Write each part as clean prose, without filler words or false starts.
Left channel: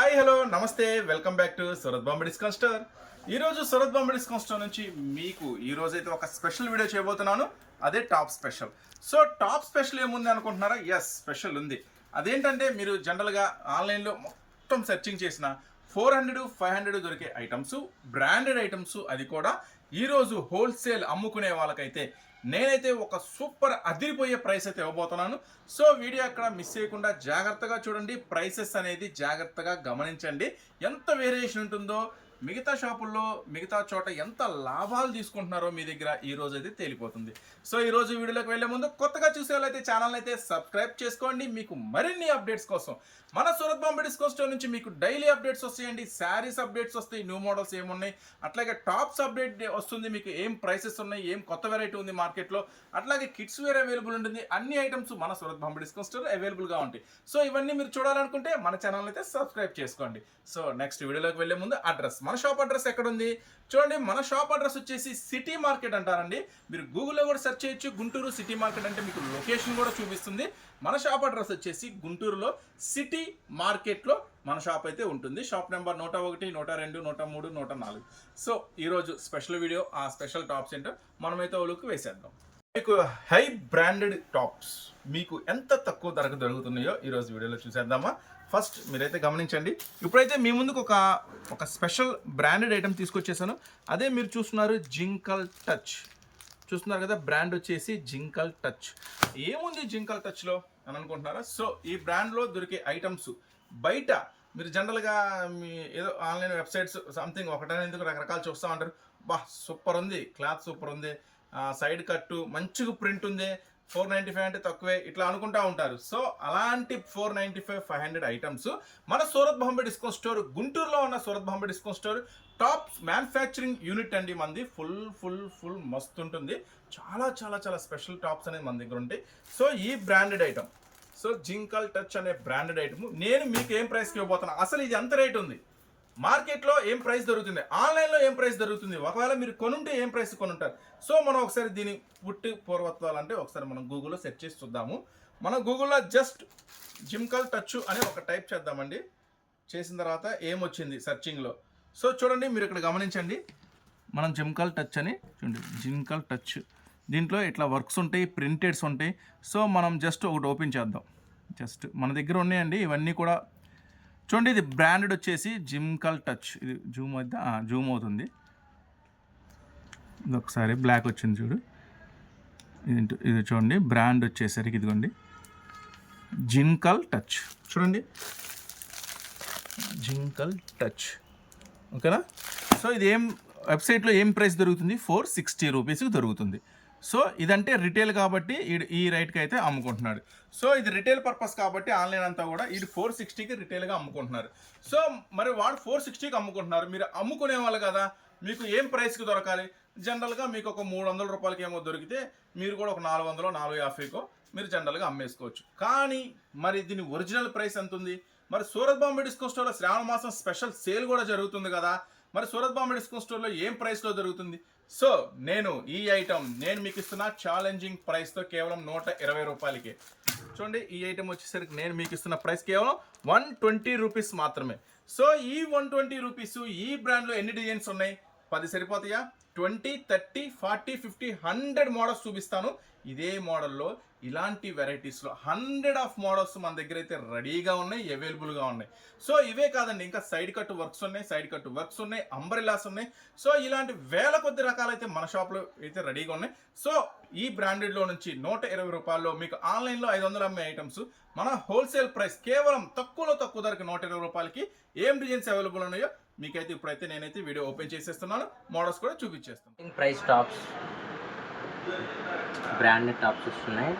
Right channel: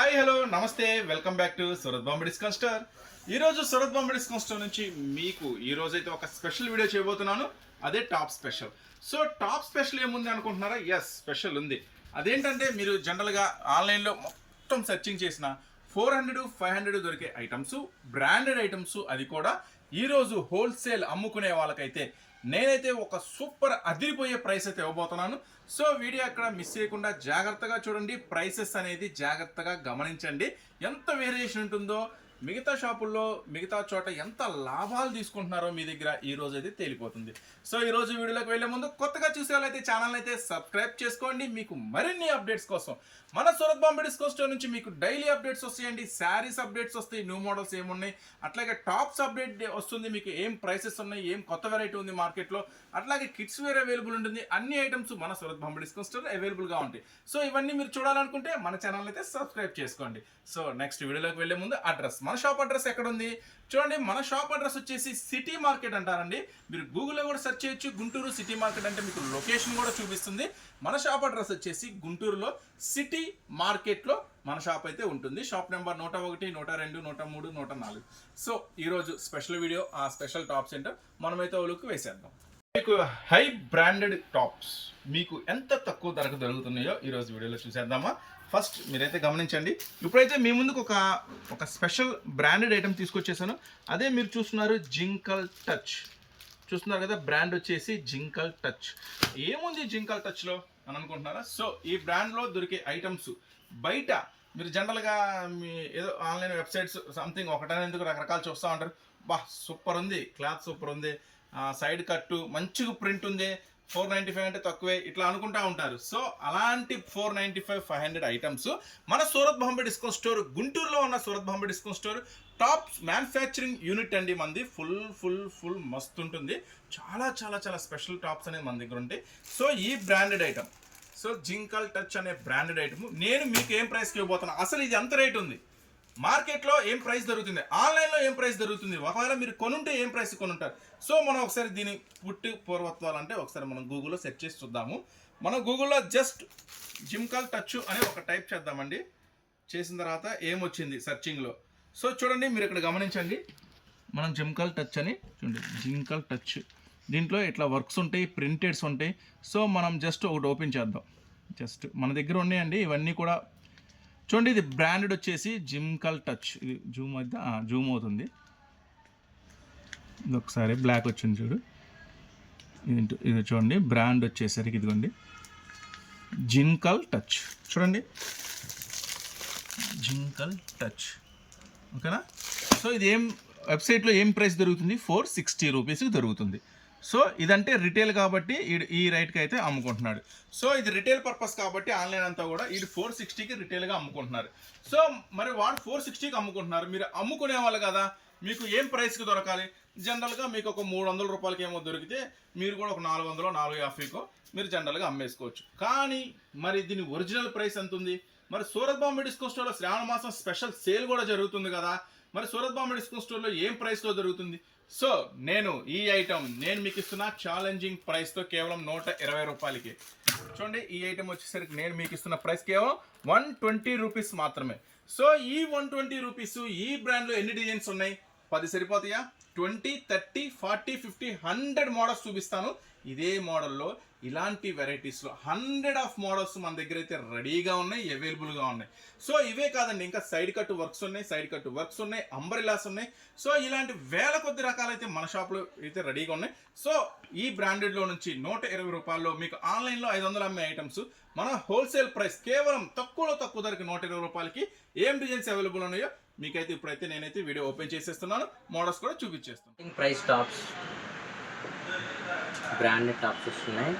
Hi hello నమస్తే welcome back to Surat Bombay discount store. ఈరోజు Surat Bombay discount store నుంచి మీకు ఈరోజైతే ఒక స్పెషల్ వీడియో చేయబోతున్నాను. అదే top special. So top special ఏముంది అనుకుంటున్నారా? ఎస్, స్పెషల్ ఉంది. అదేంటంటే మీరు జనరల్గా ఆన్లైన్లో మొత్తం సెర్చింగ్ చేసిన 400-500 దొరికే ఐటమ్స్, బ్రాండెడ్ ఐటమ్స్, అది కూడా ఈరోజు హోల్సేల్ అమ్ముకునే వాళ్ళకైతే నేనైతే ఒక సూపర్ అదిరిపోయే ప్రైస్ అయితే ఇవ్వబోతున్నాను. సో వీడియో అక్కడ మిస్ చేయకుండా జాగ్రత్తగా చూడండి. ప్రైసెస్ అనేది జాగ్రత్తగా గమనించండి. ఎంత వేరియేషన్ ఉంటుందో, మిగతా షాపుల్లో మిగతా చోట ఎంత లాభాలు తీసుకుంటున్నారో మీ దగ్గర ఈ రోజు అయితే తేలిపోతుంది. సో ఈ రోజు వీడియోలోకి వెళ్లే ముందు కొత్తగా చూసే వాళ్ళైతే ఛానల్ అయితే సబ్స్క్రైబ్ చేసుకోండి. మీకు మరిన్ని అప్డేట్స్ కోసం మన సూరత్ బాంబే డిస్కౌంట్ స్టోర్ నుంచి మీకు డైలీ అప్డేట్స్ వస్తాయండి. శారీస్ అప్డేట్స్ వస్తాయి, న్యూ మోడల్స్ ఏమున్నాయి, అట్లాగే టాప్స్ అప్డేట్ వస్తుంది, మీకు ఏం ప్రైసెస్ ఉన్నాయి, ఏం కొత్త వెరైటీ ఉంది మార్కెట్లో, అట్లాగే కిడ్స్ వేర్ అవైలబుల్ ఉంటుంది. అన్ని ఐటమ్స్ మన సూరత్ బాంబే డిస్కౌంట్ స్టోర్ అవైలబుల్గా ఉంటాయి. సో ఇవన్నీ మీరు చూడాలనుకుంటే మన ఛానల్ అయితే సబ్స్క్రైబ్ చేసుకోండి. సో నెక్స్ట్ వీడియోలోకి వెళ్లే ముందు అడ్రస్, మన షాప్ అడ్రస్ ఎక్కడ ఉంది చూడండి. మన షాప్ అడ్రస్ వచ్చేసి సిటీ మార్కెట్ అంటారండి. మీరు గూగుల్లో కూడా సెర్చ్ చేయొచ్చు. గుంటూరు సిటీ మార్కెట్ అంటే మీకు లొకేషన్ కూడా చూపిస్తుంది. మన షాప్ అడ్రస్ వచ్చేసి గుంటూరులో సిటీ మార్కెట్లో మన షాప్ అయితే ఉంటుంది. Shop number 101, 102, 103, 104. సో ఈరోజు స్పెషల్ వీడియో, ఆ స్పెషల్ టాప్స్ ఏంటో మనమైతే ఓలుకు వేసేద్దాం. మీకు హై బ్రాండెడ్ టాప్స్ మీకు ఎంత తక్కువ ధరకు దొరుకుతున్నాయో ఈరోజు వీడియోలో చూసేద్దామా. ఫస్ట్ మీరైతే గమనించండి. ఇప్పుడైతే మీ ముందుకు ఒక స్పెషల్ బ్రాండెడ్ ఐటమ్ తీసుకొచ్చేసాను. అదే మీరు చూస్తున్నారు, జింకల్ టచ్. చూస్తున్నారు కదా, బ్రాండ్ వచ్చేసి జింకల్ టచ్. ఏముంది జింకల్ టచ్లో అని అనుకుంటున్నారా? సో ఈ బ్రాండ్లో దొరికే ఐటమ్స్ బయట మీరు జనరల్గా మీ ఏదో ఆన్లైన్ వెబ్సైట్స్ సంథింగ్ ఒకటనేందుకు రకరకాలు చూస్తూ ఉంటారు. బా సూపర్ ఉంది, క్లాత్ సూపర్ ఉంది, సైడ్ కట్టు మంచిగా ప్రింట్ ఉంది, 495 అంటే తక్కువే, ఇట్లా అనుకుంటా ఉంటారు. సో అలాంటి 495-500 ఐటమ్స్ మన సూరత్ బాంబే డిస్కౌంట్ స్టోర్, గుంటూరులో ఉన్న Surat Bombay discount store top manufacturing unit అండి. మంది ఫుల్ మస్తు ఉంటుంది. చాలా చాలా చాలా స్పెషల్ టాప్స్ అనేది మన దగ్గర ఉంటాయి. సో ఈ బ్రాండెడ్ ఐటమ్, సో జింకల్ టచ్ అనే బ్రాండెడ్ ఐటమ్ నేను మీకు ఏం ప్రైస్కి ఇవ్వబోతున్నా. అసలు ఇది ఎంత రేట్ ఉంది, మార్కెట్లో ఏం ప్రైస్ దొరుకుతుంది, ఆన్లైన్లో ఏం ప్రైస్ దొరుకుతుంది, ఒకవేళ మీరు కొనుంటే ఏం ప్రైస్ కొనుంటారు. సో మనం ఒకసారి దీని పుట్టి పూర్వత్వాలంటే ఒకసారి మనం గూగుల్లో సెర్చ్ చేసి చూద్దాము. మనం గూగుల్లో జస్ట్ జింకల్ టచ్ అని ఒక టైప్ చేద్దామండి. చేసిన తర్వాత ఏమొచ్చింది సెర్చింగ్లో. సో చూడండి, మీరు ఇక్కడ గమనించండి. మనం జింకల్ టచ్ అని చూడండి, జింకల్ టచ్. దీంట్లో ఇట్లా వర్క్స్ ఉంటాయి, ప్రింటెడ్స్ ఉంటాయి. సో మనం జస్ట్ ఒకటి ఓపెన్ చేద్దాం. జస్ట్ మన దగ్గర ఉన్నాయండి ఇవన్నీ కూడా. చూడండి, ఇది బ్రాండెడ్ వచ్చేసి జింకల్ టచ్. ఇది జూమ్ అవుతుంది. ఇది ఒకసారి బ్లాక్ వచ్చింది చూడు. ఇది చూడండి, బ్రాండ్ వచ్చేసరికి ఇదిగోండి జింకల్ టచ్. చూడండి, జింకల్ టచ్. ఓకేనా? సో ఇది వెబ్సైట్లో ఏం ప్రైస్ దొరుకుతుంది? 460 రూపీస్కి దొరుకుతుంది. సో ఇదంటే రిటైల్ కాబట్టి ఈ రైట్కి అయితే అమ్ముకుంటున్నాడు. సో ఇది రిటైల్ పర్పస్ కాబట్టి ఆన్లైన్ అంతా కూడా ఇది 460కి రిటైల్గా అమ్ముకుంటున్నారు. సో మరి వాడు 460కి అమ్ముకుంటున్నారు. మీరు అమ్ముకునే వాళ్ళు కదా, మీకు ఏం ప్రైస్కి దొరకాలి? జనరల్గా మీకు ఒక 300 రూపాయలకి ఏమో దొరికితే మీరు కూడా ఒక 400, 450కో మీరు జనరల్గా అమ్మేసుకోవచ్చు. కానీ మరి దీని ఒరిజినల్ ప్రైస్ ఎంత ఉంది? మరి సూరత్ బాంబే డిస్కౌంట్ స్టోర్లో శ్రావణ మాసం స్పెషల్ సేల్ కూడా జరుగుతుంది కదా. మరి సూరత్ బాంబే డిస్కౌంట్ స్టోర్లో ఏం ప్రైస్లో దొరుకుతుంది? సో నేను ఈ ఐటమ్ మీకు ఇస్తున్న ఛాలెంజింగ్ ప్రైస్తో కేవలం 120 రూపాయలకి. చూడండి, ఈ ఐటమ్ వచ్చేసరికి నేను మీకు ఇస్తున్న ప్రైస్ కేవలం 120 రూపీస్ మాత్రమే. సో ఈ 120 రూపీస్ ఈ బ్రాండ్లో ఎన్ని డిజైన్స్ ఉన్నాయి? 10 సరిపోతాయా? 20, 30, 40, 50, 100 మోడల్స్ చూపిస్తాను. ఇదే మోడల్లో ఇలాంటి వెరైటీస్లో 100 ఆఫ్ మోడల్స్ మన దగ్గర అయితే రెడీగా ఉన్నాయి, అవైలబుల్గా ఉన్నాయి. సో ఇవే కాదండి, ఇంకా సైడ్ కట్ వర్క్స్ ఉన్నాయి, అంబ్రెల్లాస్ ఉన్నాయి. సో ఇలాంటి వేల కొద్ది రకాలైతే మన షాప్లో అయితే రెడీగా ఉన్నాయి. సో ఈ బ్రాండెడ్లో నుంచి 120 రూపాయల్లో మీకు ఆన్లైన్లో 500 అమ్మే ఐటమ్స్ మన హోల్సేల్ ప్రైస్ కేవలం తక్కువ ధరకి 120 రూపాయలకి ఏం డిజైన్స్ అవైలబుల్ ఉన్నాయో మీకైతే ఇప్పుడైతే నేనైతే వీడియో ఓపెన్ చేసేస్తున్నాను, మోడల్స్ కూడా చూపించేస్తాను. ప్రైస్ టాప్స్, బ్రాండెడ్ టాప్స్ వస్తున్నాయి,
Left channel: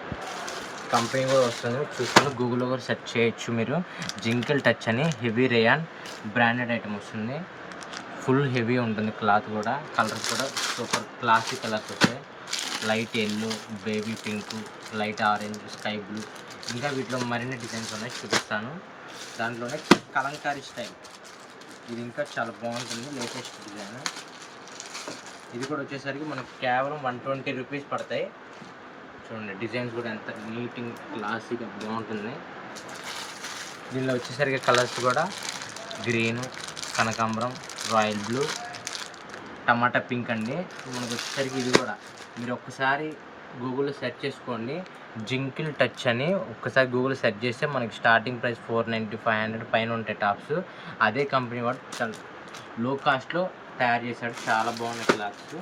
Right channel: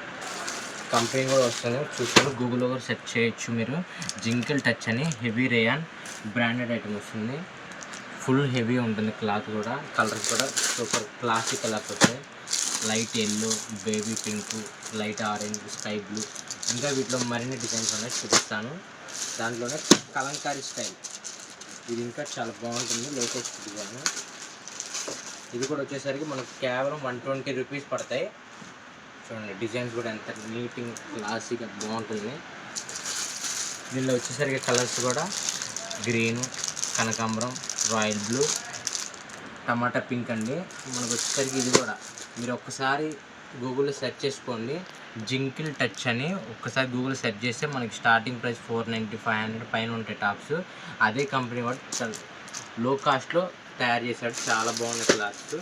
కంపెనీ కూడా వస్తుంది. చూసుకొని గూగుల్లో కూడా సెర్చ్ చేయొచ్చు మీరు. జింకల్ టచ్ అని హెవీ రేయాన్ బ్రాండెడ్ ఐటమ్ వస్తుంది. ఫుల్ హెవీ ఉంటుంది, క్లాత్ కూడా, కలర్స్ కూడా సూపర్ క్లాసిక్ కలర్స్ వస్తాయి. Light yellow, baby pink, light orange, sky blue, ఇంకా వీటిలో మరిన్ని డిజైన్స్ ఉన్నాయి, చూపిస్తాను. దాంట్లోనే కలంకారీ స్టైల్, ఇది ఇంకా చాలా బాగుంటుంది, లేటెస్ట్ డిజైన్. ఇది కూడా వచ్చేసరికి మనకు కేవలం 120 రూపీస్ పడతాయి. చూడండి, డిజైన్స్ కూడా ఎంత నీట్ క్లాసిక్గా బాగుంటుంది. దీనిలో వచ్చేసరికి కలర్స్ కూడా గ్రీను, కనకాంబరం, రాయల్ బ్లూ, టమాటా పింక్ అండి. మనకు వచ్చేసరికి ఇది కూడా మీరు ఒక్కసారి గూగుల్లో సెర్చ్ చేసుకోండి, జింకిల్ టచ్ అని. ఒక్కసారి గూగుల్ సెర్చ్ చేస్తే మనకి స్టార్టింగ్ ప్రైస్ 490, 500 పైన ఉంటాయి టాప్స్. అదే కంపెనీ వాడు చాలా లో కాస్ట్లో తయారు చేశాడు, చాలా బాగున్నాయి క్లాత్స్.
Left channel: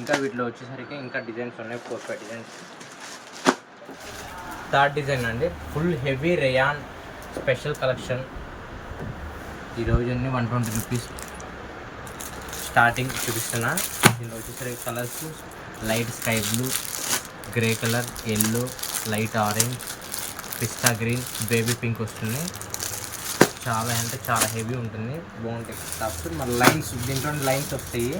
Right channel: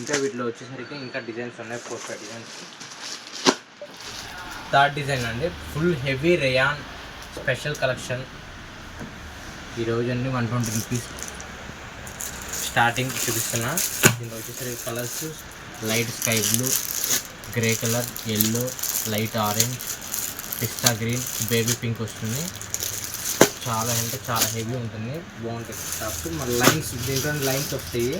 ఇంకా వీటిలో వచ్చేసరికి ఇంకా డిజైన్స్ ఉన్నాయి, 4-5 డిజైన్స్. థర్డ్ డిజైన్ అండి, full heavy rayon special collection. ఈరోజు అన్ని 120 రూపీస్ స్టార్టింగ్ చూపిస్తున్నా. దీంట్లో వచ్చేసరికి colours light sky blue, grey colour, yellow, light orange, పిస్తా గ్రీన్, బేబీ పింక్ వస్తుంది. చాలా అంటే చాలా హెవీ ఉంటుంది, బాగుంటాయి టాప్స్. మళ్ళీ లైన్స్, దీంట్లో లైన్స్ వస్తాయి.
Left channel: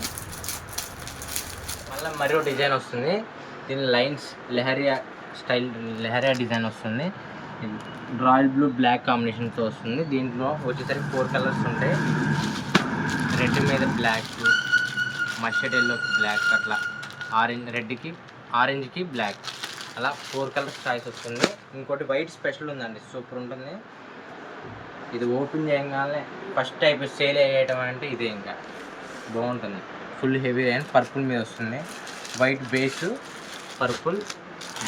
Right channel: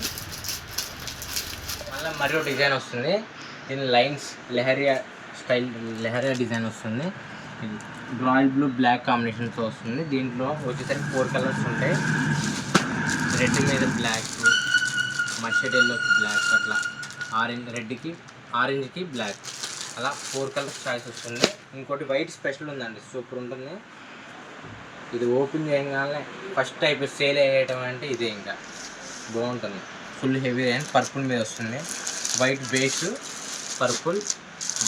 మళ్ళీ మరో డిజైన్ వస్తుంది, దీని lines leheriya style, leheriya design వస్తుంది. రాయల్ బ్లూ బ్లాక్ కాంబినేషన్తో వస్తుంది. దీంట్లో వచ్చేసరికి 4 కలర్స్ ఉంటాయి, రెడ్ మీద బ్లాక్, మస్టర్డ్ ఎల్లోకి బ్లాక్, అట్లా రెడ్కి ఆరెంజ్కి బ్లాక్, అలా 4 కలర్స్ చాయిస్ వస్తుంది. ఇంకోటి వైట్ స్పెషల్ ఉందండి, సూపర్ ఉంటుంది. ఇది ఓపెన్ చేయగానే ఫస్ట్ టైప్ సేల్ అయ్యేయటం అంటే ఇదే, ఇంకా బాగుంటుంది. ఫుల్ హెవీ అండ్ పర్పుల్ మీద వస్తుంది, వైట్ బేస్ పర్పుల్,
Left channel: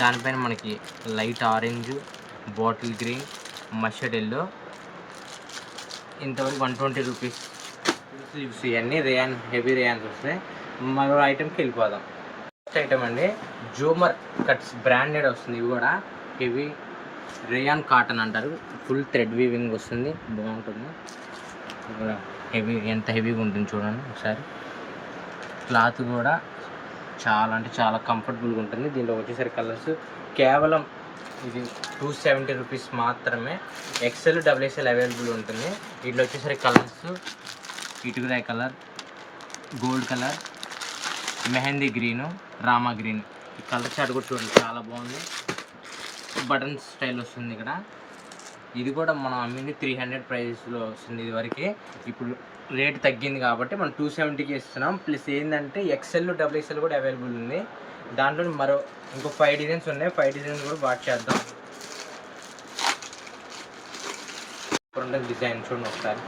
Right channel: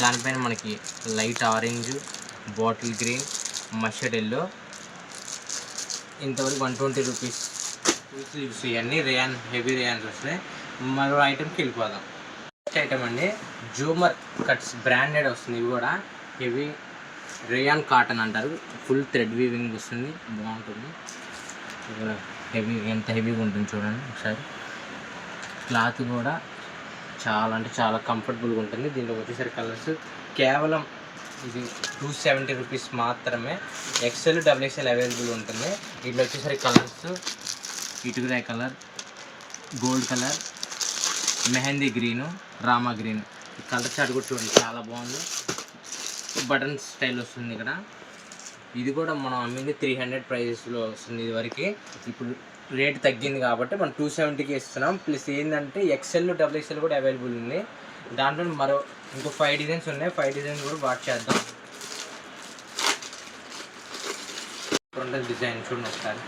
దానిపైన మనకి light orange, bottle green, mustard yellow. ఇంతవరకు 120 రూపీస్ స్లీవ్స్. ఇవన్నీ రేయాన్, హెవీ రేయాన్స్ వస్తాయి. మరో ఐటెంకి వెళ్ళిపోదాం. నెక్స్ట్ ఐటమ్ అండి, జూమర్ కట్స్ బ్రాండెడ్ వస్తుంది. ఇవి కూడా హెవీ రేయాన్ కాటన్ అంటారు, ఫుల్ థ్రెడ్ వీవింగ్ వస్తుంది, బాగుంటుంది. ఇక్కడ హెవీ, ఎంత హెవీగా ఉంటుంది చూడండి ఒకసారి. క్లాత్ కూడా చాలా అంటే చాలా కంఫర్టబుల్గా ఉంటుంది. దీంట్లో వచ్చేసరికి కలర్స్ కేవలం ఇది 270 రూపీస్ మాత్రమే. XL, XXL అవైలబుల్ ఉంటుంది. వీటిలో వచ్చేసరికి కలర్స్ ఇటుకరాయ్ colour, gold colour, mehndi green, Rama green. ఈ కలర్ చార్ట్ కూడా చూడండి, చాలా బాగుంది. బటన్ స్టైల్ వస్తుంది ఇక్కడ. ఇది కూడా మనం అమ్మింది 300 ప్రైజెస్లో వస్తుంది ఇది వరకు. ఇప్పుడు రేట్ తగ్గింది కాబట్టి మనం 270కి ఇస్తున్నాం. ప్లస్ ఏంటంటే XL, XXL కూడా అవైలబుల్ ఉంది. దాంట్లో మరో ఇంకో 5 డిజైన్స్ ఉన్నాయి, 5 డిజైన్స్ కూడా వాచ్ చేద్దాం. డిజైన్ చూడండి ఒకసారి,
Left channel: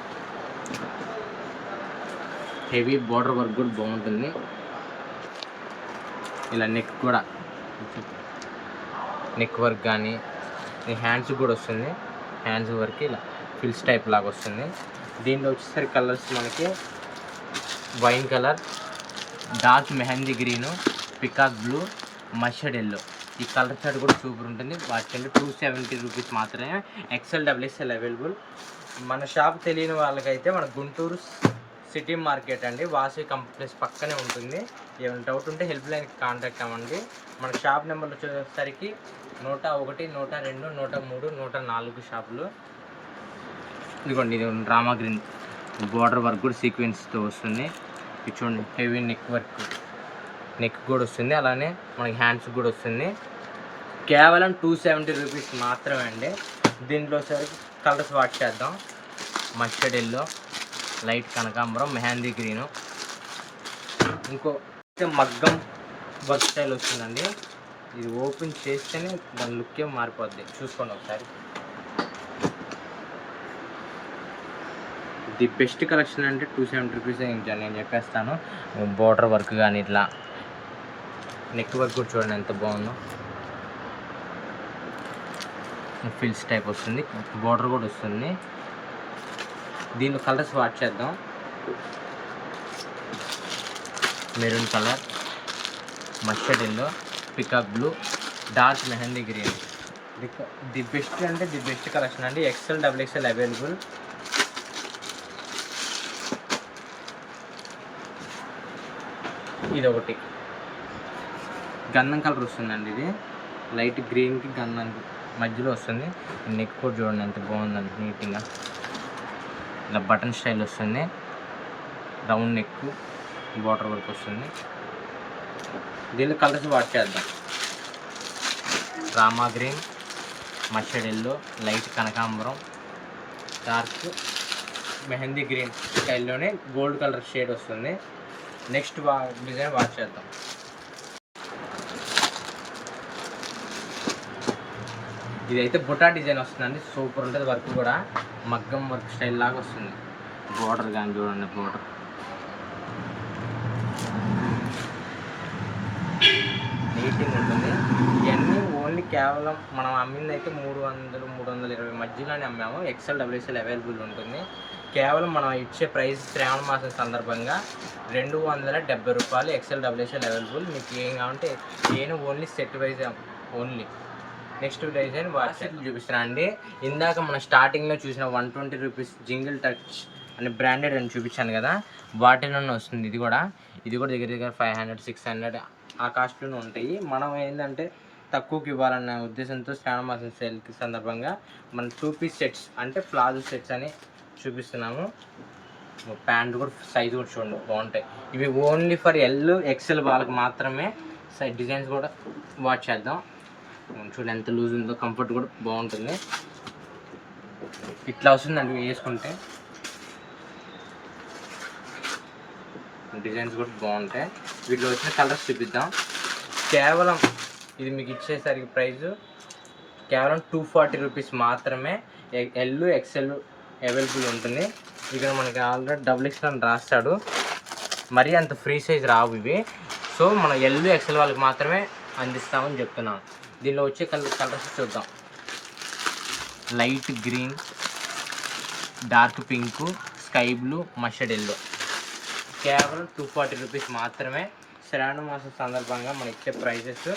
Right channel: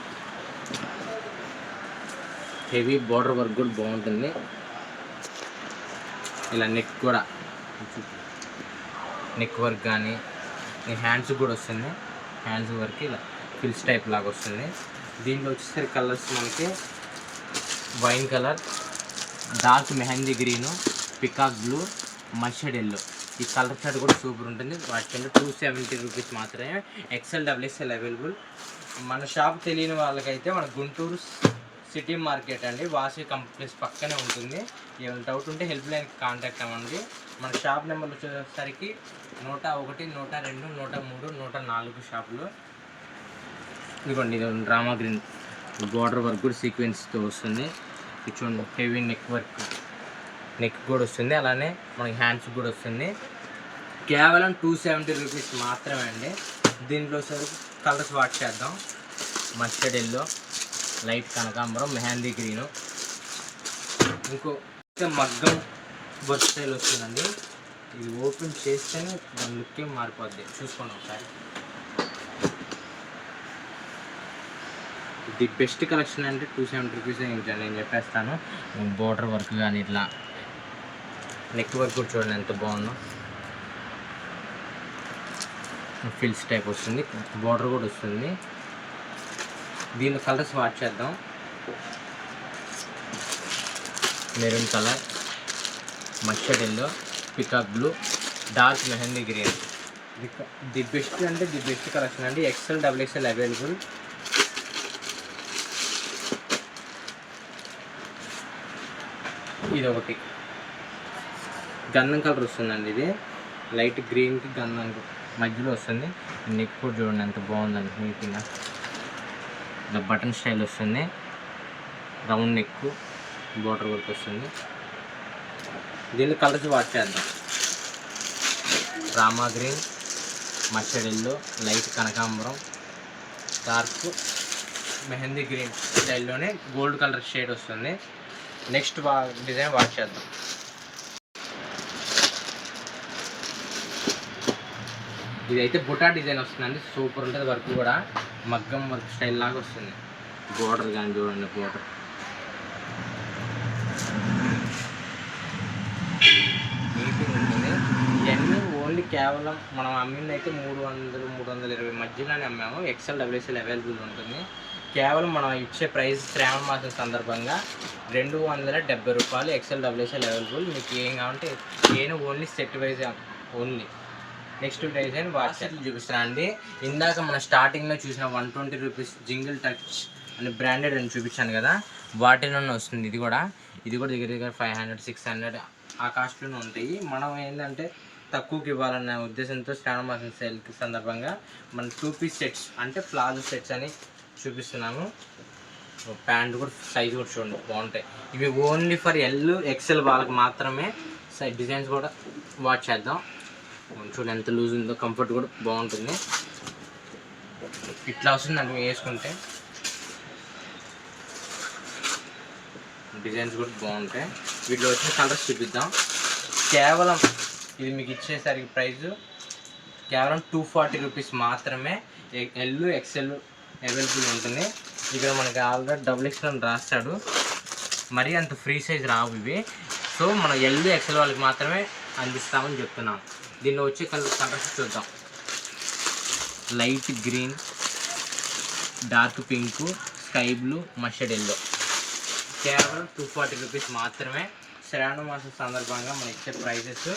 హెవీ బార్డర్ వర్క్ కూడా బాగుంటుంది. ఇలా నెక్ కూడా, నెక్ వర్క్ కానీ హ్యాండ్స్ కూడా వస్తుంది. హ్యాండ్స్ వర్క్ ఇలా ఫిల్స్ టైప్ లాగా వస్తుంది. దీంట్లో వచ్చేసరికి కలర్స్ మనకి wine colour, dark mehndi green, peacock blue, mustard yellow. ఈ కలర్ చార్ట్ కూడా సూపర్ ఉంటుంది. వాటికంటే 270 రూపీస్ మాత్రమే. XL, XXL available. మన షాప్ తెలియని వాళ్ళకైతే మన గుంటూరు సిటీ మార్కెట్ అండి, వాసి కాంప్లెక్స్ పక్కనే ఉంటుంది. ఏమైనా డౌట్ ఉంటే హెల్ప్ లైన్కి కాంటాక్ట్ అవ్వండి. మన షాప్ నెంబర్ వచ్చేసరికి 101, 102, 103, 104 షాపులు. ఇదిగోండి, ఇది రామా గ్రీన్ బార్డర్ వర్క్ కూడా సీక్వెన్స్తో వస్తుంది. ఇది చూడండి, హెవీ నెక్ వర్క్, నెక్ కూడా వస్తుంది. అలానే మనకి హ్యాండ్స్ కూడా వస్తుంది. కేవలం 270 రూపీస్ మాత్రమే అండి. దీంట్లో సరికి కలర్స్ వాచ్ చేద్దాం. మస్టర్డ్ ఎల్లో, లైట్ కనకాంబరం, మెహందీ గ్రీను. ఇంకో మగ్గం వర్క్ స్టైల్ వస్తుందండి. ఇది ఓపెన్ చేస్తేనే దాని లుక్కే మారిపోద్ది, చూసుకోండి ఒకసారి. ది బెస్ట్ కలెక్షన్ అంటే 270 రూపీస్ నేను చెప్పేస్తాను. బోర్డర్ వర్క్ కానీ ఇట్లా నెక్ వర్క్ కూడా చూడండి ఎంత బాగుందో. ఫిల్స్ టైప్ వస్తుంది, బోర్డర్ కూడా వస్తుంది. దీనిలో కలర్స్ వాచ్ చేద్దాం. Maroon colour, mustard yellow, peacock blue, dark mehndi green. The best అంటే ది బెస్ట్ కలెక్షన్ అండి. XL, XXL available. ఇది ఒకటి గంధం కలర్ వస్తుందండి. ఇది లైట్ గ్రీన్కి గంధం మధ్యలో వస్తుంది. నెక్ కూడా చూడండి ఎంత బాగుందండి, నీట్గా ఇలా బటన్ స్టైల్ వస్తుంది. రౌండ్ నెక్, బార్డర్ వర్క్ వస్తుంది. దీనిలో కలర్స్ వాచ్ చేద్దాం. Rama green, mustard yellow, light కనకాంబరం, డార్క్ మెహందీ గ్రీన్ స్టైల్లోనే గోల్డ్ కలర్ షేడ్ వస్తుంది. నెక్స్ట్ డిజైన్ వాచ్ చేద్దాం. ఇదైతే బుటా డిజైన్ వస్తుందండి, సూపర్ ఉంటుంది. వర్క్ కూడా మగ్గం వర్క్ స్టైల్ లాగా వస్తుంది. బోర్డర్ కానీ చూడండి, బోర్డర్ నీట్గా ఉంటుంది. ఇవన్నీ ఓన్లీ కేవలం మనం అమ్మింది అయితే 300-320 మధ్యలోనే అమ్మాము. ఎక్సెల్ డబ్ల్యూఎక్సెల్ అవైలబుల్ ఉంటుంది. కేవలం మనం ఇచ్చే ప్రైస్ శ్రావణ మాసం సందర్భంగా 270 రూపాయలు ఎక్సెల్ డబ్ల్యూఎక్సెల్ అవైలబుల్. మీకు ఏం కావాలంటే నేను only set wise only. Next design watch చూపిస్తాను అండి. ఇందాక మనం స్టార్టింగ్లో చూసిన 120 రూపీస్ జింగిల్ టచ్ అని బ్రాండెడ్ అని చూపించాను కదా, వాటిలోనే వస్తుంది. ఇది కూడా దగ్గర దగ్గర 500-600 ఆ కాస్ట్లోనే ఉంటాయి. మనం ఏంటంటే తక్కువకి ఇవ్వాలన్న ఉద్దేశంతో శ్రావణ మాసం సేల్కి సందర్భంగా మనం 2 పీస్ సెట్స్ అంటే ప్లాజో సెట్స్ అని చూపిస్తున్నాము. ప్యాంట్ కూడా సైజ్ కూడా చూడండి బాగుంటాయి. ఇవి ఓన్లీ ఫర్ ఎల్ ఎక్సెల్ వాళ్ళకి మాత్రమే. డిజైన్స్ కూడా వాచ్ చేద్దాం. చూడండి ఎంత లూజ్ ఉందో, కంఫర్ట్ కూడా బాగుంటుంది. ఇట్లా వస్తుందండి వేసుకుంటే. డిజైన్స్ కూడా బాగుంటాయి. వీటిలో వచ్చిన కలర్స్ చూపిద్దాం. కేవలం ఇది మీకు ఇచ్చేసరికి ప్రైస్ కేవలం 240 రూపీస్ మాత్రమే. ఎల్ ఎక్సెల్ అవైలబుల్ ఉంటుంది. ఇక్కడ మనకి ఆల్రెడీ డబుల్ ఎక్సెల్ అని రాస్తాడు. మరీ అంత ఫ్రీ సైజ్ రావు ఇవి. సో మనం ఎల్ ఎక్సెల్ వాళ్ళకి మాత్రమే అందిస్తామని చెప్తున్నాం. దీనిలో వచ్చే కలర్స్ చూద్దాం. Light green, dark pink, sky blue, mustard yellow. కేవలం 240 రూపీస్ మాత్రమే. శ్రావణ మాసం సందర్భంగా మనం ఇచ్చే ప్రైసెస్.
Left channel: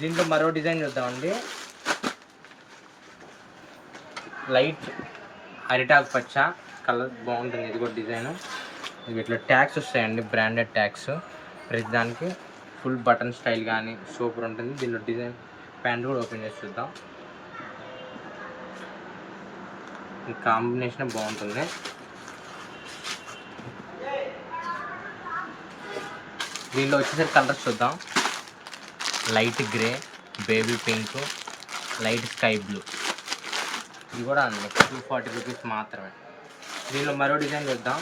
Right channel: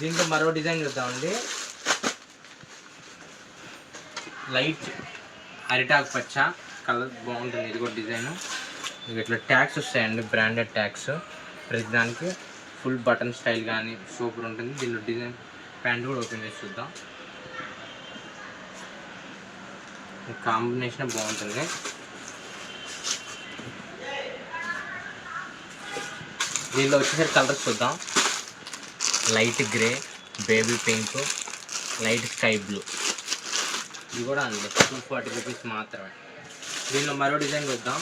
దీంట్లో మరో డిజైన్ చూద్దామండి. లైట్ అరిటాకు పచ్చ కలర్ బాగుంటుంది. ఇది కూడా డిజైన్. ఇట్లా ట్యాగ్స్ వస్తాయండి, బ్రాండెడ్ ట్యాగ్స్. ప్రతి దానికి ఫుల్ బటన్ స్టైల్ కానీ సూపర్ ఉంటుంది. దీనిలో డిజైన్ ప్యాంట్ కూడా ఓపెన్ చేసి చూద్దాం. ఈ కాంబినేషన్ బాగుంటుంది. దీనిలో వచ్చేసరికి కలర్స్ చూద్దాం. Light grey, baby pink, light sky blue. ఇది కూడా అండి 240 రూపీస్ మాత్రమే. దీనిలో మరో డిజైన్ చూద్దాం.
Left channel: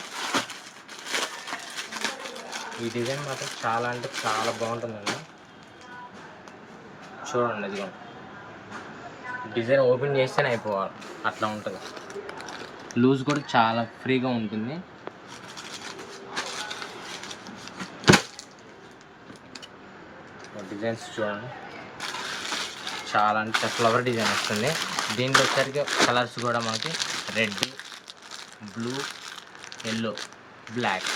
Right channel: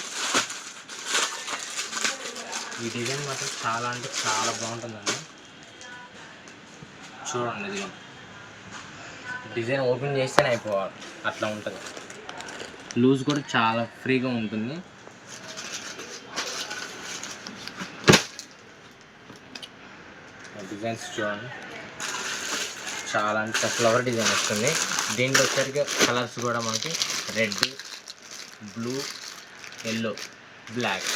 ఈ డిజైన్ మాత్రం చాలా అంటే చాలా బాగుంటుందండి. చూడండి, ఇది డిజైన్ ఓపెన్ చేస్తేనే అయిపోవాలి, అట్లా ఉంటుంది. లూజ్ కూడా చాలా ఫ్రీగా ఉంటుంది. డిజైన్స్ చూడండి, చాలా అంటే ఫ్లవర్ డిజైన్ వస్తుంది. దీంట్లో వచ్చరికి కలర్స్ కూడా మనకి red, blue, yellow, black,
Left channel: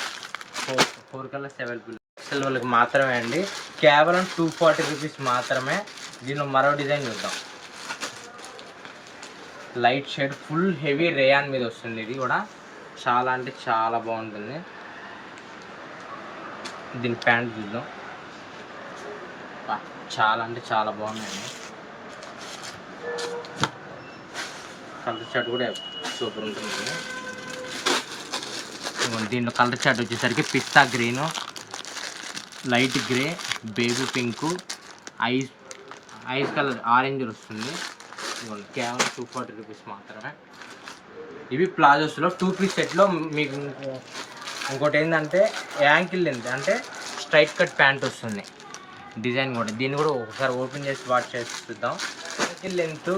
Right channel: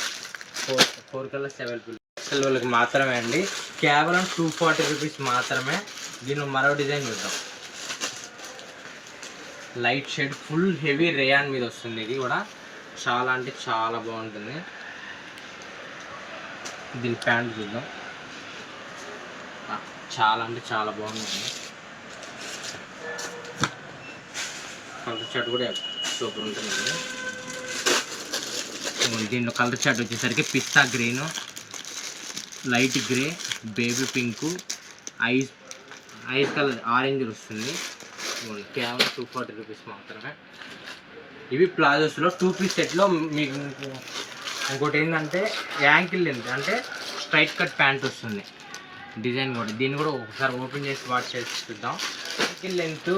four colours available. ఎక్సెల్ వాళ్ళకి మాత్రమే అండి. కేవలం 240 రూపీస్ మాత్రమే. దీనిలో మరో డిజైన్ చూద్దాం. Light shade full heavy rayon మీద వస్తుంది. ఇది కూడా చాలా అంటే చాలా బాగుంటుంది. దీని ప్యాంట్ చూద్దాం. చాలా అంటే చాలా బాగుందండి. కలర్ చార్ట్ కూడా సూపర్ ఉంటుంది. దీంట్లో కలర్ చార్ట్ వచ్చేసరికి పిస్తా green, light grey, baby pink, ice colour orange వస్తుంది. కేవలం 240 రూపీస్ మాత్రమే. ఇవి ప్లాజోస్లో 2 పీస్ సెట్లో మీకు ఇంకోటి ఏంటంటే యాంకిల్ లెంత్ అంటే స్ట్రైట్ కట్ ప్యాంట్ వస్తుంది. డిజైన్ కూడా దీన్ని కూడా ఒకసారి ఓపెన్ చేసి వాచ్ చేసి చూద్దాం. Ankle length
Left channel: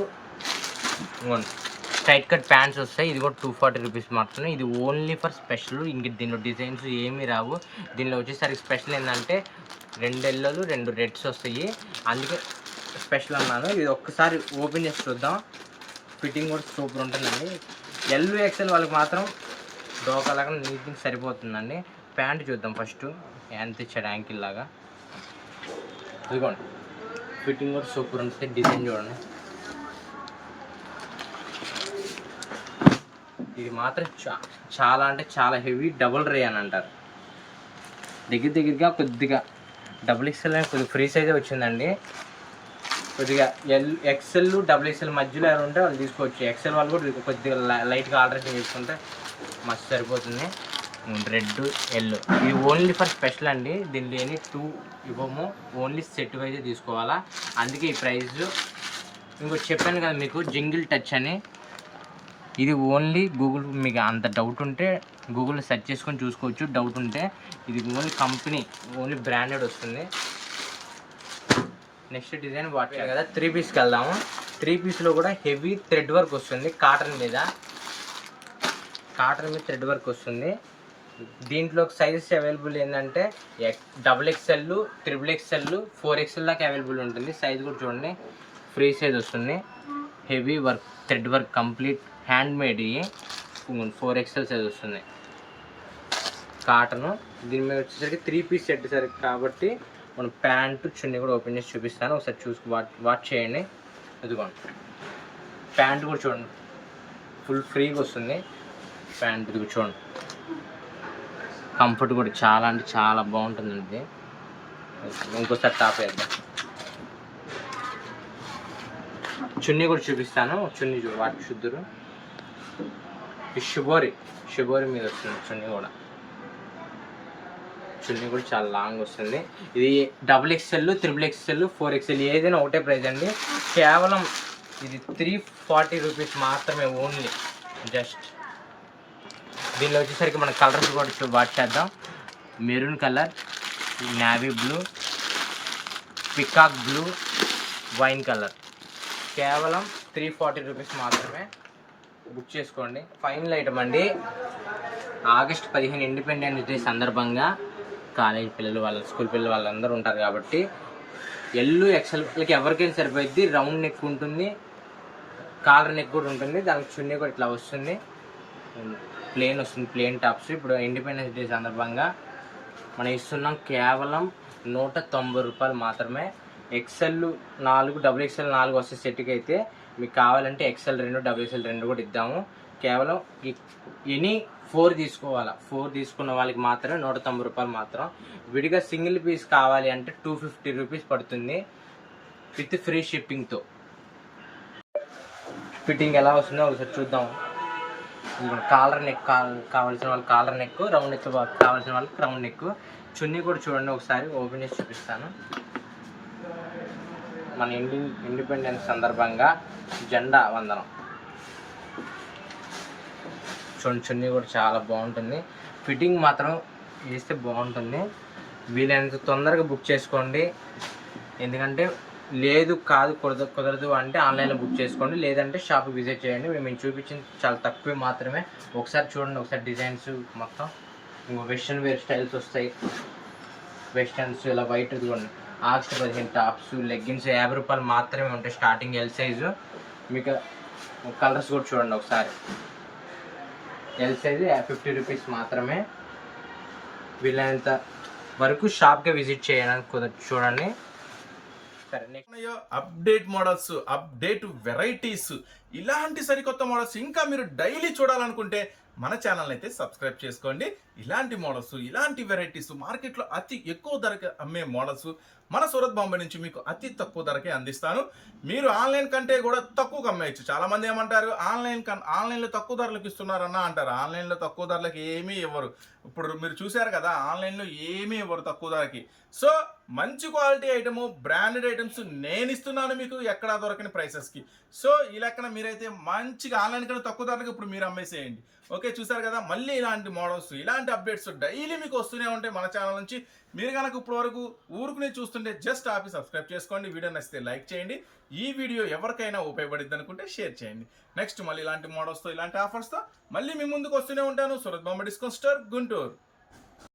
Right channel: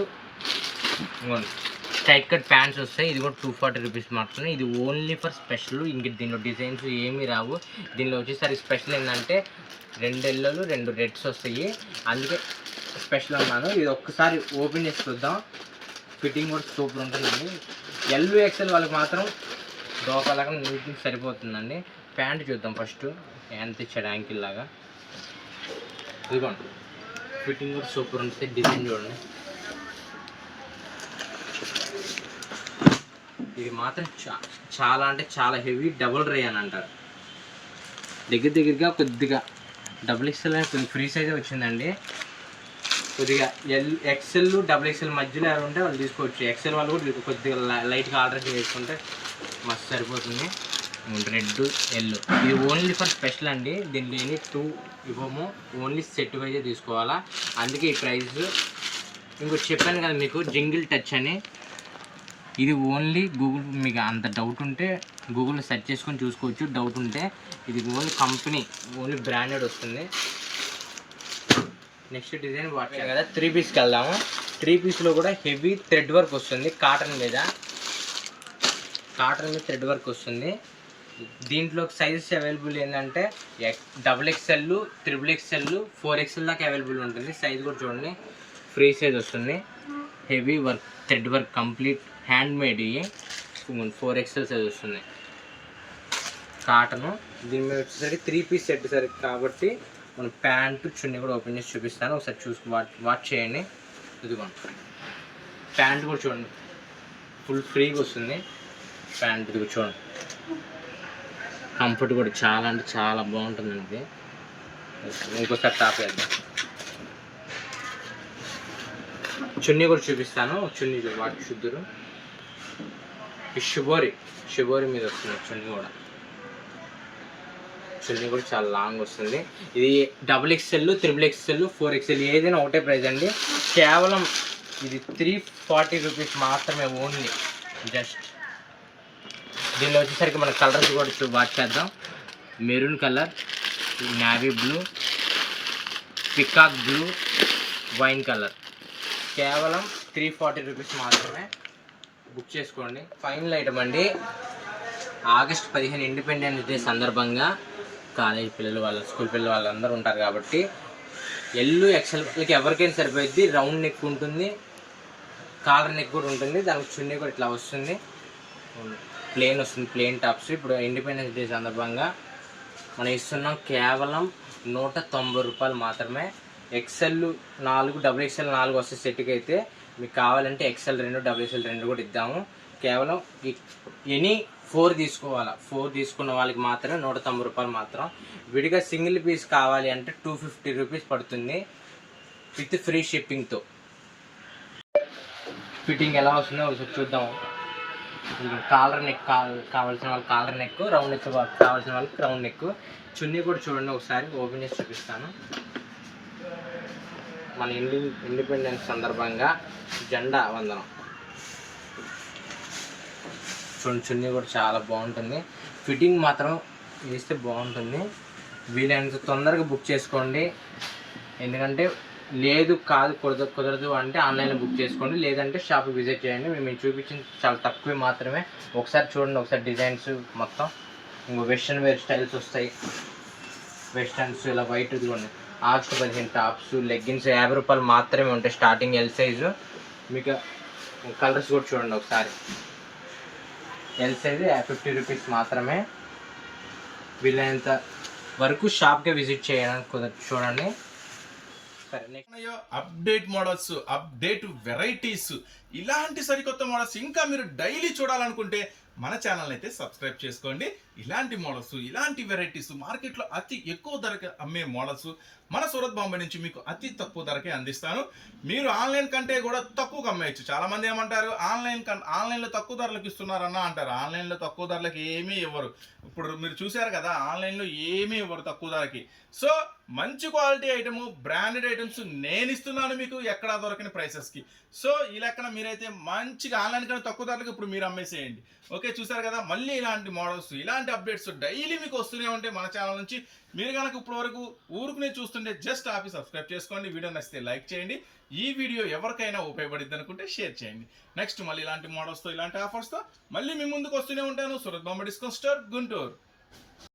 straight cut pants వస్తాయి. ఇది కూడా 240 రూపీస్ మాత్రమే. ఇది ఓన్లీ ఫర్ స్పెషల్. ఇంక దీనిలో డిజైన్స్ ఏమీ రావు. దీనిలో వచ్చేసరికి స్పెషల్ ఏంటంటే 2 ఎల్లోలు 2 రెడ్స్ వస్తాయి, అందుకే స్పెషల్ అన్నాను. ఇది ఒక్కసారి ఓపెన్ చేసి చూద్దాం. ఫిట్టింగ్ కూడా సూపర్ ఉంటుందండి. ఎల్ ఎక్సెల్ వాళ్ళకి మాత్రం డోకాలాగా నీట్గా సరిపోతుందండి. ప్యాంట్ చూద్దాం ఫస్ట్. ఎంత ఇచ్చాడు యాంకిల్ లాగా. ఇదిగోండి, ఫిట్టింగ్ కూడా సూపర్ ఉంటుంది. డిజైన్ చూడండి. ఇది మాత్రం చాలా అంటే చాలా హెవీ డబుల్ రే అని అంటారు. దగ్గరగా కొద్దిగా డబుల్ ఎక్స్ఎల్ కొద్దిగా ఫ్రీ సైజే వచ్చిందండి. కొద్దిగా ఎక్సెల్ డబుల్ ఎక్స్ఎల్ మధ్యలో ఎవరు ఉంటే వాళ్ళు తీసుకోవచ్చు. ఎక్సెల్ వాళ్ళు కూడా కొద్దిగా లైట్గా ఆల్టరేషన్ చేసుకుంటే మస్తు సరిపోతుంది. రెడ్, ఎల్లో ఇది ఓన్లీ ఫర్ స్పెషల్ అండి. దీనిలో ఎన్ని 2 ఇవ్వము, ఓన్లీ సెట్ వైజే తీసుకోవాలా, అందుకే ఈ ప్రైస్. ఇంకోటి చెప్పాను కదా మీకు జింగిల్ టచ్ అని. ఇది ఓన్లీ గూగుల్, మీకు అంత డౌట్ ఉంటే గూగుల్లో సెర్చ్ చేసుకొని చూసుకోవచ్చు. డౌట్ ఉంటే ఇది ఓన్లీ కంపెనీ, ఓన్లీ బ్రాండెడ్ వస్తుంది. నెక్స్ట్ డిజైన్ వాటర్ కదా 3 పీస్కి వెళ్దాము. 3 పీస్లో కూడా హెవీ థ్రెడ్ వర్క్ వస్తుంది కాటన్ మీద. కాటన్ మీద థ్రెడ్ వర్క్ వస్తుంది. దీంట్లో సైజెస్ అవైలబుల్ ఏంటంటే XXL, XXL, 4XL దాకా అవైలబుల్ ఉంటుంది. సైజ్ కూడా చూడండి, ఫ్రీ సైజ్ వస్తుంది. Heavy work, thread work, complete hand made. 4XL size వస్తుంది కాటను. దీని మీద వచ్చేసరికి 3 పీస్ సెట్ సరే కాబట్టి మనం ప్యాంటు చున్నీ కూడా ఓపెన్ చేసి చూపిస్తాను, ఒకసారి చూసి వాచ్ చేయండి. ఇదిగోండి ప్యాంట్ కూడా చూడండి, ఫుల్ ఫ్రీగా వస్తుంది ప్యాంట్. ఇది చూడండి, కంఫర్ట్ కూడా చాలా అంటే చాలా బాగుంటుందండి. ఇంకోసారి టాప్ వేద్దాం. చున్నీ కూడా చూపిస్తాను, చున్నీ వాటి శుద్ధురు. ఈ షుబోరి మీద వస్తుంది చున్నీ కూడా. చున్నీ కూడా చాలా లాంగ్ వస్తుంది. ఇది XXL, XXL, 4XL ఏదైనా ఒకటే ప్రైస్ అండి. కేవలం ఇది 340 రూపీస్ మాత్రమే ఓన్లీ. జస్ట్ దీనిలో వచ్చేసరికి మన కలర్స్ కూడా వాచ్ చేద్దాం. Maroon colour, navy blue, peacock blue, wine colour. కేవలం 340 రూపీస్ మాత్రమే. బుక్ చేసుకోండి. ఫైనల్ ఐటమ్ అండి. ఆగస్ట్ 15 ఇండిపెండెన్స్ డే సందర్భంగా కాలేజ్ పిల్లలు, వాళ్ళ స్కూల్ పిల్లలు వాళ్ళందరూ ఉంటారు కాబట్టి XL వాళ్ళకి ఎవరికైనా సరిపోయింది. రౌండ్ నెక్ ఉంటుంది, కాలర్ నెక్ కూడా ఉంటుంది. దానికి చున్నీ కూడా ఇట్లా వస్తుంది, ప్లేన్ వస్తుంది, ప్లేన్ టాప్స్. ఇప్పుడు ఇండిపెండెన్స్ డే సందర్భంగా మనం ఇస్తున్నాం కేవలం 190 రూపాయలు మాత్రమే. XL 4, XXL 4 వస్తే సెట్కి అయితే మీకు కావాలంటే XL 2, XXL 2 కూడా ఇద్దాము. కేవలం ఎనీ 4 తీసుకోవాలా. 4 తీసుకున్న వాళ్ళకి మాత్రమే 190 రూపాయలు మాత్రం. విడిగా సింగిల్ పీస్ కావాలి అంటే 250 రూపీస్ పడుతుంది విత్ ఫ్రీ షిప్పింగ్తో. ఫిట్టింగ్ ఎలా వస్తుందో ఒకసారి చూద్దాం. కాలర్ నెక్ కావాల్సిన వాళ్ళకి కాలర్ నెక్, రౌండ్ నెక్ కావాల్సిన వాళ్ళకి రౌండ్ నెక్. చున్నీ కూడా చూడండి, ఒకసారి ఓపెన్ చేసి చూపిస్తాను. మన ఇండిపెండెన్స్ సందర్భంగా జెండా వందనం. చున్నీ కూడా చాలా బాగుంటుంది. ఫిట్టింగ్ మాత్రం వేస్తే బాగుంటుంది. వీలైనంత తొందరగా బుక్ చేసుకోండి. ఎందుకంటే కుదరదు అంటే ఆన్లైన్లో బుక్ చేసుకోండి, లేదంటే షాప్కి విజిట్ చేయండి. మేము చూపించింది చాలా తక్కువే మాత్రమే. ఒకసారి చూడండి, ఒకసారి డిజైన్స్ మొత్తం. ఇంకో వెస్ట్రన్ వేర్ స్టైల్స్ వస్తాయి. వెస్టర్న్స్ ఇలా వైట్ ఇదిగోండి. ఆగస్ట్ 15 టాప్స్, లెగ్గిన్స్ 50 రూపాయలు మాత్రమే ఉంటాయి స్టార్టింగ్. L size. మీకు కలర్స్ కూడా చూడండి ఒకసారి. ఎల్ సైజు 50 రూపీస్ మాత్రమే. వీలైనంత వరకు షాప్కి విజిట్ చేయడానికి చూడండి. అప్డేట్ మోడల్స్, అప్డేట్ వెరైటీస్, ఇలాంటి సరికొత్త మోడల్స్ ఇంకా మీరు డైలీ చూడాలనుకుంటే మన ఛానల్ అయితే సబ్స్క్రైబ్ చేసుకోండి. ఇలాంటి మోడల్స్, ఇలాంటి వెరైటీస్, మార్కెట్లో అతి ఎక్కువ ధరకి అమ్మే మోడల్స్ మన సూరత్ బాంబే నుంచి మీకు అతి తక్కువ ధరకే అందిస్తాను. మీరు ఆన్లైన్ కంటే కూడా తక్కువగా అమ్మేయచ్చు. చాలా మంది ఏమంటారు, ఆన్లైన్లో తక్కువ ధరలకు ఇస్తున్నారన్న అంటారు. ఆన్లైన్లో తక్కువ ధరలకు ఏమీ ఇవ్వరు. ఇప్పుడు మీరు చూశారు కదా, ఆన్లైన్లో ఏమీ ఇవ్వరు తక్కువ ధరకి. సో మంచి క్వాలిటీ ఐటమ్, బ్రాండెడ్ ఐటమ్స్ నేను ఇస్తున్నాను మీకు ఎక్కడా దొరకని ప్రైసెస్కి. సో ఈ లెక్కన మీరైతే మంచిగా ఆన్లైన్ కన్నా తక్కువ ధరలకు ఇప్పుడు మీరు అమ్మేసేయండి. ఓకే, చూసారు కదా. మళ్ళీ ఇలాంటి మోడల్స్, ఇలాంటి అప్డేట్స్ డైలీ మీకు వస్తూనే ఉంటాయి మన ఛానల్ నుంచి. మీరు కనుక ఇప్పటి వరకు ఊరుకునే చూస్తుంటే జస్ట్ ఆపి సబ్స్క్రైబ్ చేసుకోండి. వీడియో నచ్చితే లైక్ చేయండి. ఈ వీడియో ఎవరికైనా ఉపయోగపడిద్ది అనుకుంటే షేర్ చేయండి. నెక్స్ట్ మళ్ళీ ఇలాంటి మోడల్స్తో, ఇలాంటి ఆఫర్స్తో మళ్ళీ మీ ముందుకు వస్తూనే ఉంటాను. Surat Bombay discount store, Guntur.